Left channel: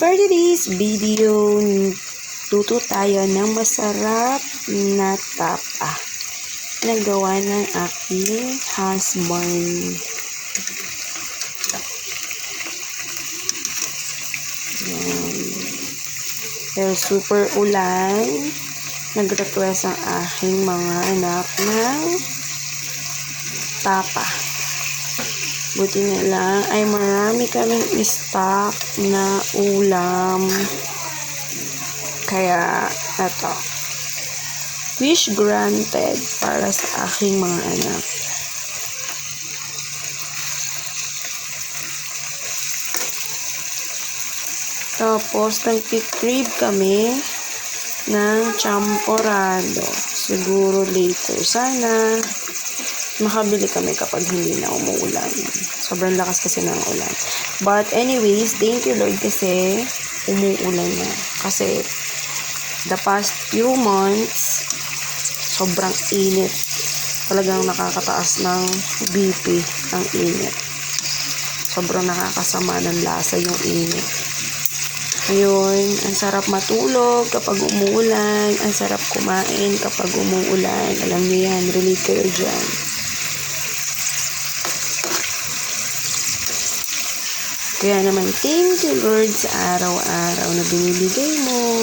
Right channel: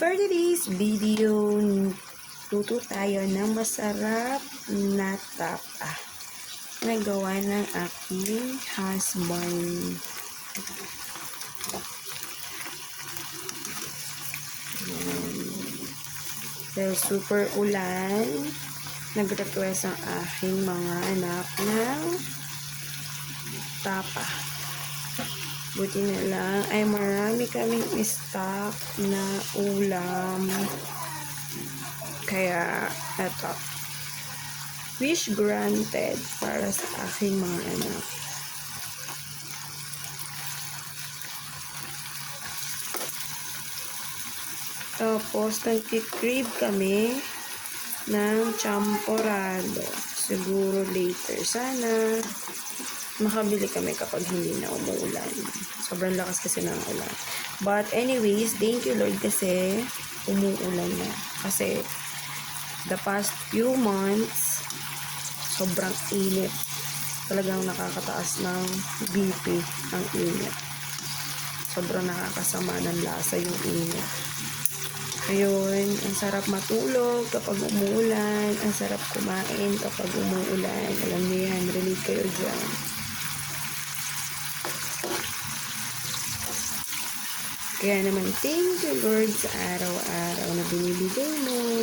For today's video, luto tayo ng masarap na tapa na gawa ng aking husband. Yan. Pero super ulan, nag-request ang aking mga anak ng tapa. Buti na lang ay marami kaming stock na ulam. Kaya, eto. Wish granted para sa aking mga anak. Tapos, nagpikrib kami ng champorado. Siguro later. Sana makabili kami kapag hindi na umuulan. Sobrang lakas kasi ng ulan. But anyways, thank you Lord kasi umuulan na. Kasi the past few months, sobrang init. Talagang nakakataas ng BP ang init. Sobrang nakakasama ng lasa yung init. Ngayon, ang sarap matulog kapag umuulan. Ang sarap kumain kapag umuulan. Alam niyo yan, relate kayo dyan. Kaya naman, thank you Lord sa araw-araw na binibigay mo.